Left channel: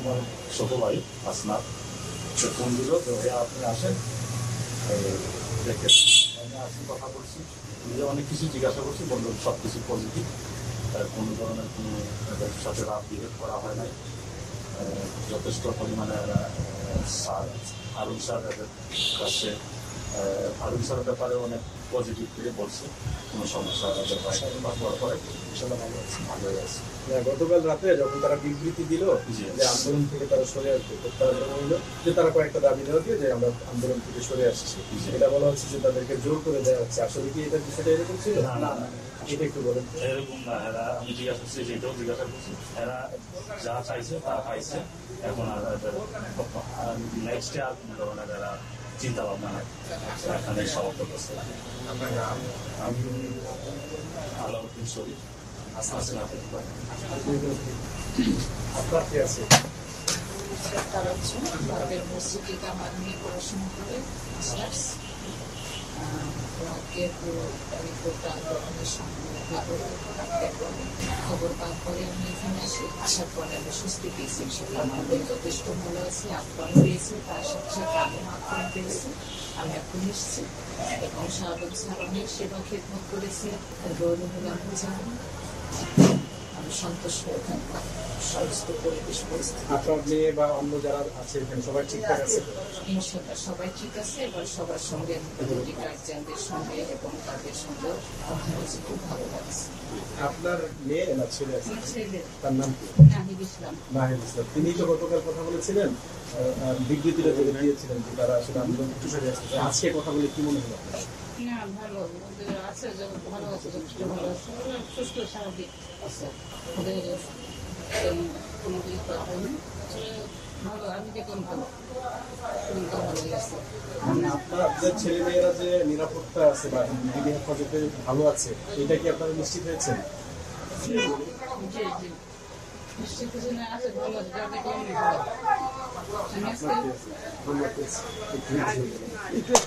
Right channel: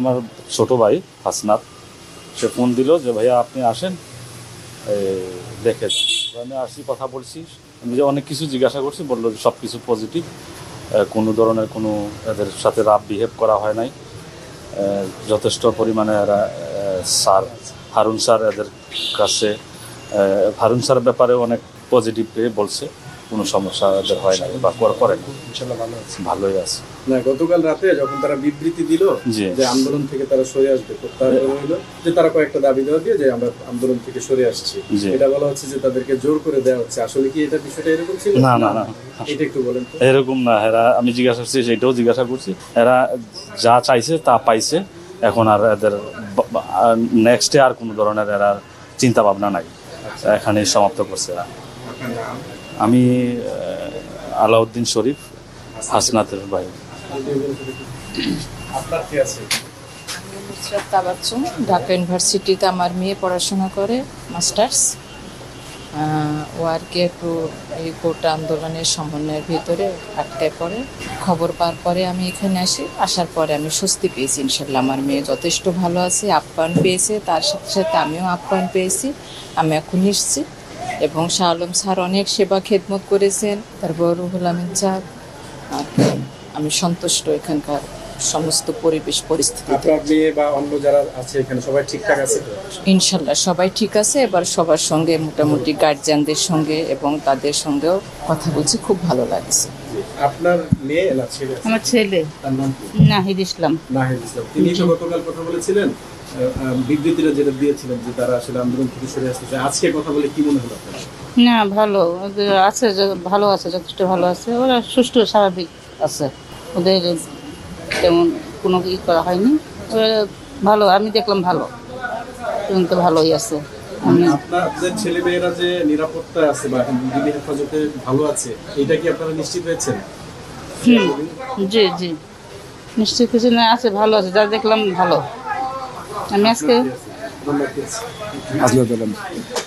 আমার ছোট ভাই হাসনাত সে ফোন দিল যে ভাইয়া আপনি আসেন দেখে যান। আমি আসি, কথা বলছি, নিজে অনেক কিছু জিজ্ঞাসা করছি, বললো যে সব কিছু পজিটিভ, কোনো ধরনের কোনো এদের সাথে রাফ বিহেভ করা হয় নাই। যথেষ্ট পরিমাণে এরা স্যার হারুন স্যার এদের কাছে হারুন স্যার ব্যাপারে অনেক পজিটিভ বলছে, কোনো সমস্যা এদের হয় নাই বা করে ইনশাআল্লাহ ভালো আছে, ভালোই আছে। না গতকাল রাতে যখন তারা বিবৃতি দিল যে আন্দোলন থেকে তারা সরে আসবে, প্রত্যাহার হইলো যে তারা কয়েকটা দাবি দেওয়া দিয়ে যে আমরা আন্দোলন থেকে সরে আসছি, এটা বলা হচ্ছে যে তাদেরকে জোর করে দেওয়া হচ্ছে। আসলে কি এটা বিষয়টা এরকম ছিল? না না না, এটা একটু বলেন। এরকম না, এরা আমি জিজ্ঞাসা করছি, সেটাও জিজ্ঞাসা করছি, এরা যা চাইছে তা পাইছে। এখন আর এদের নেক্সটে আর কোনো ধরনের এরা চিন্তা ভাবনা নাই, এখানে সমাপ্ত করছে এরা। আমি আলাউদ্দিন শরীফ, হাসনাতের ভাই। ঢাকা ইউনিভার্সিটিতে আমার মেয়ে পড়াশোনা করে, মাস্টার্স। ও আর কি একটু এই কোটা আন্দোলনের সমন্বয়ের ভিতরে আটকায় পড়ে। খবর পাওয়ার পরে আমি এখানে আসি, আসার পরে আমি স্বস্তি পেয়েছি। ইনশাল্লাহ আমার মেয়ে যথেষ্ট ভালো আছে, আপ্যায়ন পেয়েছে, তার সাথে সাথে আমিও আপ্যায়ন পেয়েছি। আমি এখন এসেছি এবং শাহ আলম স্যার অনেক সেবা খেদমত করেছেন, তারপর রুহুল আমিন স্যার। আমি সন্তুষ্ট এখানকার সমস্ত পরিবেশ পরিস্থিতি। আপনার মেয়ে বা অন্য যারা আছে এখানে সবাই ঠিকঠাক আছে? ইনশাল্লাহ সবাই ঠিক আছে। এবার সবার সঙ্গে মোটামুটি গার্জিয়ানদের সঙ্গে এবং তাদের সঙ্গেও কথা বলছি, খুব ভালো লাগছে। আপনার মেয়ে না ছেলে? আমার ছেলে। তার নাম কি? নাহিদ ইসলাম। নাহিদ ইসলাম। তিনি তো গতকাল কথা বলেছিলেন, বিবৃতিটা যেটা দিয়েছিলেন যে তারা আসলে আন্দোলন থেকে সরে আসছে, আজকে কথা বলে কি মনে হলো? না ভালো আছে, ভালো আছে, যথেষ্ট ভালো আছে। ওরা সুষ্ঠু স্বাভাবিক আছে, ওদের তেমন কোনো ই করা হয়নি। ওরা ভালো, আমি দেখলাম ভালো, এবং তো ভালোই আছে। আপনাদের ছেলেমেয়েরা যে নিরাপত্তা আছে বা দিল্লি হেফাজতে ভালো আছে, এটা কি আপনারা নিশ্চিত হয়েছেন? জি জি, নিশ্চয়ই কিছু না আছে, ভালো আছে, যা দেখলাম ভালো। আমি আজকে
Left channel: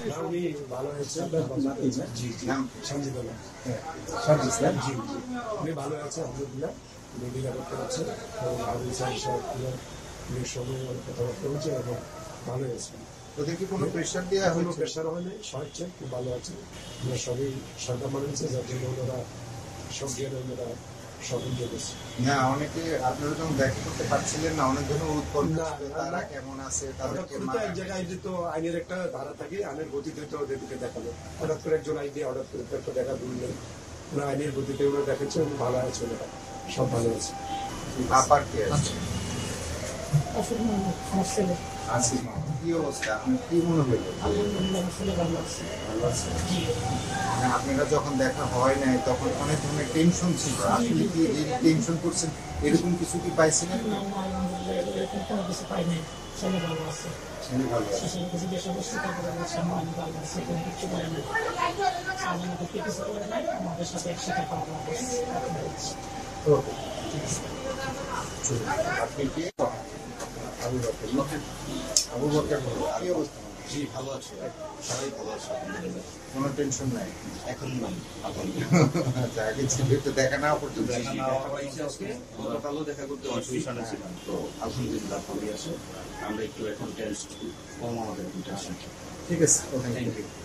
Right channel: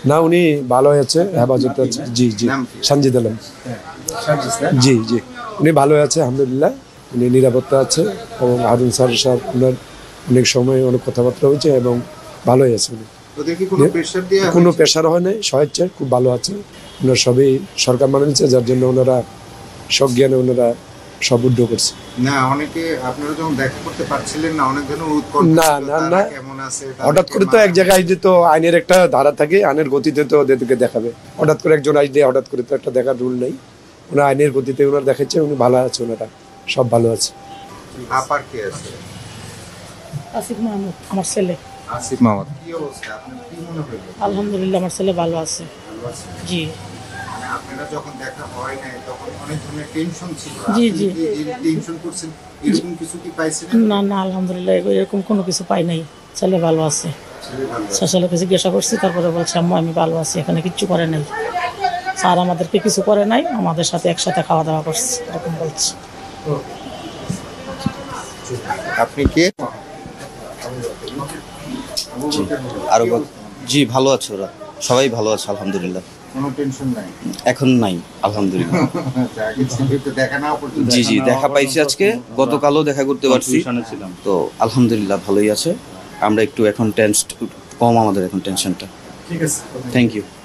না, উনি ভালো আছে, হেফাজতে আছে। জি জি, সানজিদ আলম। জি জি, উনি ভালো আছে আলহামদুলিল্লাহ, উনি নিরাপত্তা আছে। এবং হারুন স্যার ওনার অনেক সময় অনেক কথাবার্তা হয়েছে এবং ভালোই আছে উনি। কোনো প্রেশার হয় নাই, স্বেচ্ছায় খুব ভালো আছে। ওনারা সবই সরকার মানে নিচ্ছে, যার জন্য ওনারা সজ্ঞানে ওনারা সব উদ্যোগ করছে। না অনেকে আপনারা যখন দেখা করতে পারছিলেন না, অনেক ধরনের না না না, হঠাৎ করে তো এক জায়গায় আসলে তো আইনের একটা ধারা থাকে, আইনের গতিতে তো ওদেরকে দেখাবে। হঠাৎ করে একজন আসলে হঠাৎ করে তো একটা দেখার রুল নেই, ওনার আইনের গতিতে ওনারা দেখাচ্ছে, উনি ভালো আছে, ওনারা সব ভালো আছে। আপার কে আছে? আসিফ মাহমুদ, আমার ছেলে। আসিফ মাহমুদ, কি অবস্থা, আপনার কি মনে হলো? আলহামদুলিল্লাহ আমার ছেলে ভালো আছে। জি, আপনারা যখন দেখা হয় নাই তখন অনেক ধরনের টেনশন ছিল, জি জি, টেনশন করছেন, এরকম কিছু কি পাইছেন? না না, আলহামদুলিল্লাহ এরকম কোনো কিছু পাই নাই, ছেলে ভালো আছে। ছেলেকে জিজ্ঞাসা করছি, তারপরে বলছে আম্মু আমি ভালো আছি, এখানে কিচ্ছু করে নাই, স্যার আমাদেরকে কিছু করে নাই, আমাদের সাথে একসাথে খাওয়া দাওয়া করছে, এরকম বলছে। আপনি কে? আরো জি, ভালো আছে, ওরা সবাই ভালো আছে আলহামদুলিল্লাহ, কোনো টেনশন নাই এখন নাই আলহামদুলিল্লাহ। দেখা না পর্যন্ত জি জি, দেখা পাইছি আজকে, গতকালও দেখা করতে পারছি, তো আলহামদুলিল্লাহ ভালোই আছে। আমরা একটু এখন কম, আমাদের এখন টেনশনটা। ঠিক আছে, থ্যাংক ইউ।